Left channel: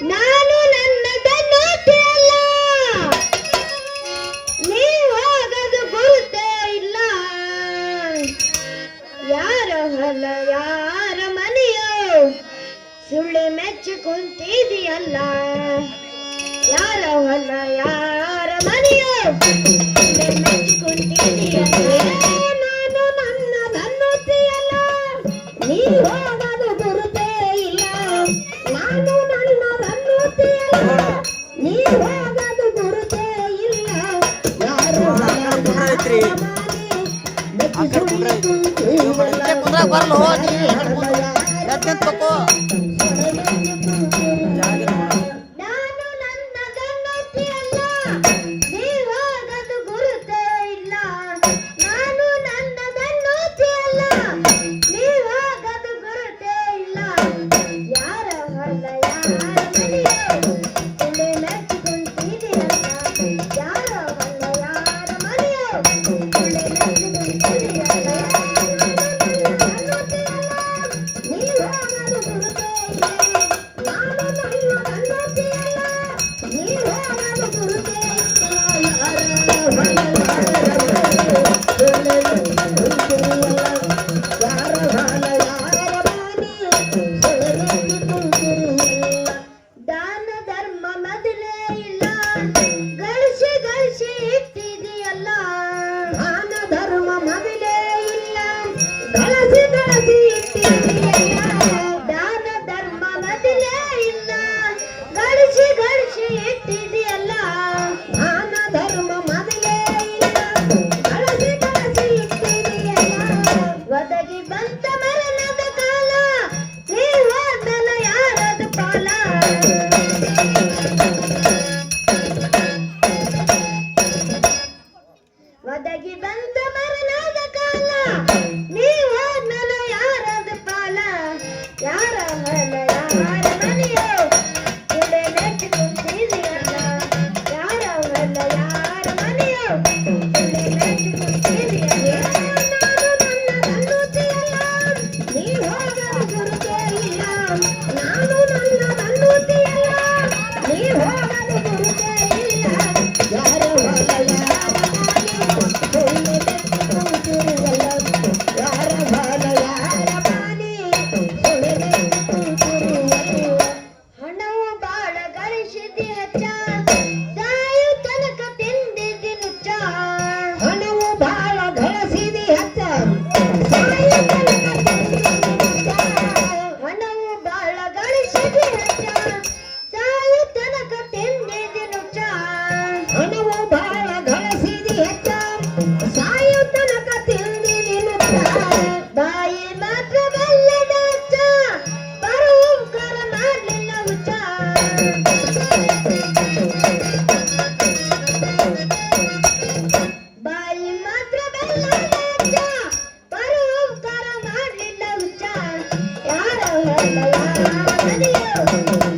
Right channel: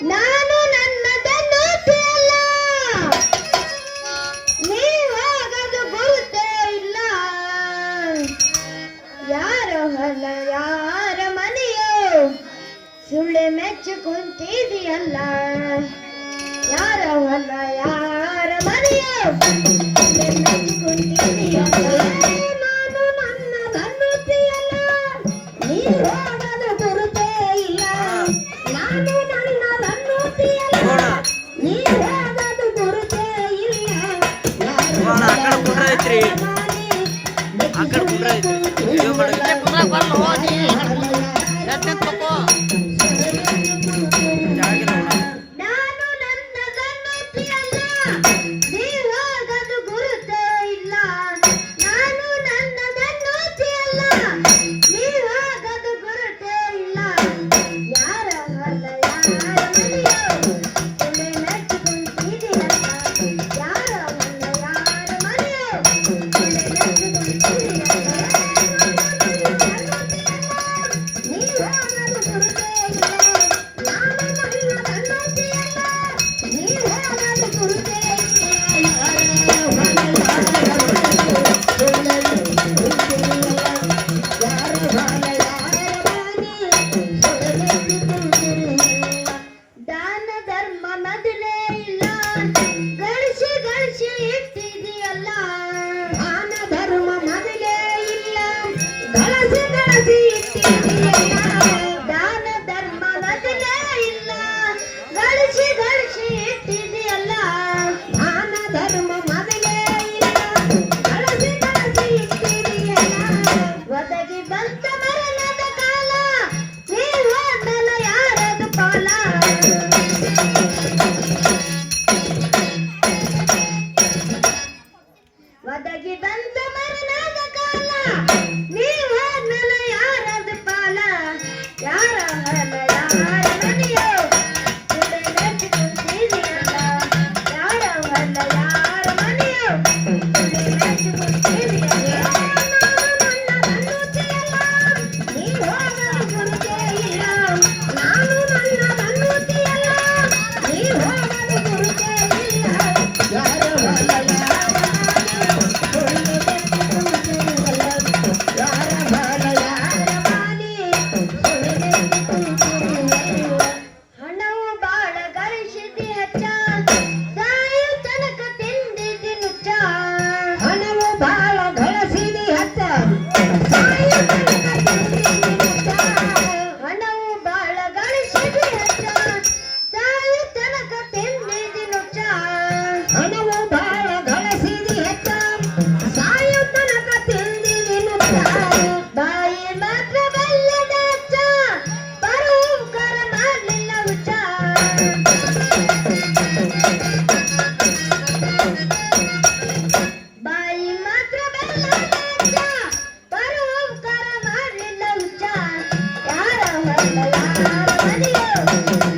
ನಾನು ನನ್ನದನ್ನು ತಿನ್ನಲ್ಲ ನೀವಾಗದು ಗುರುತೇ ಇಲ್ಲ. ಯಾರ ಹೊಲ, ಯಾರ ಮನೆಯೋ ಸುಳ್ಳು ಮೆಚ್ಚು ಕುಂತಿದೆಯಲ್ಲ. ಯಾರ ಹೊಲ, ಯಾರ ಮನೆಯೋ ಸುಳ್ಳು ಮೆಚ್ಚು ಕುಂತಿದೆಯಲ್ಲ. आकर घूम रहे the Yeah. Thank you.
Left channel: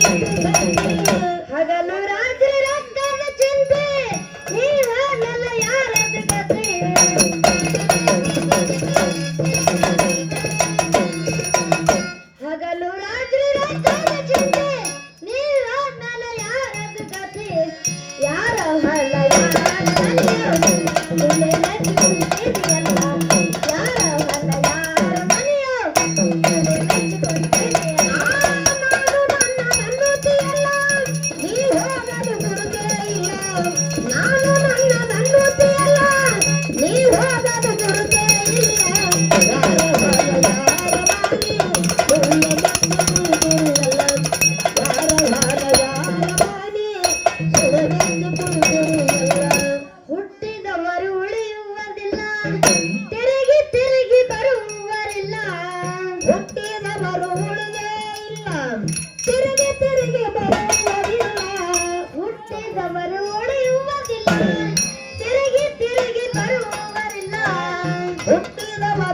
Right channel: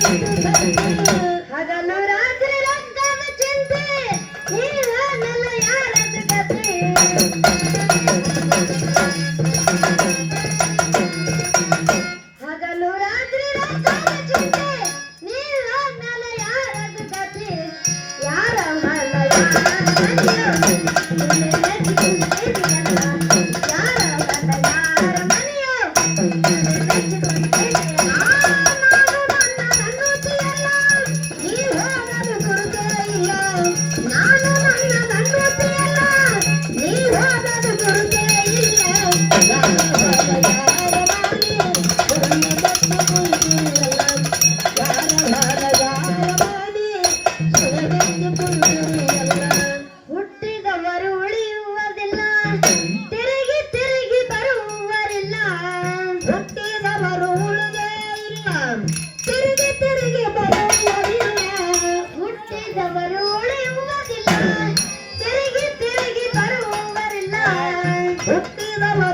对对对对对。好的，Campina,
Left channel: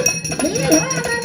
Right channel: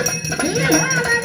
Yeah.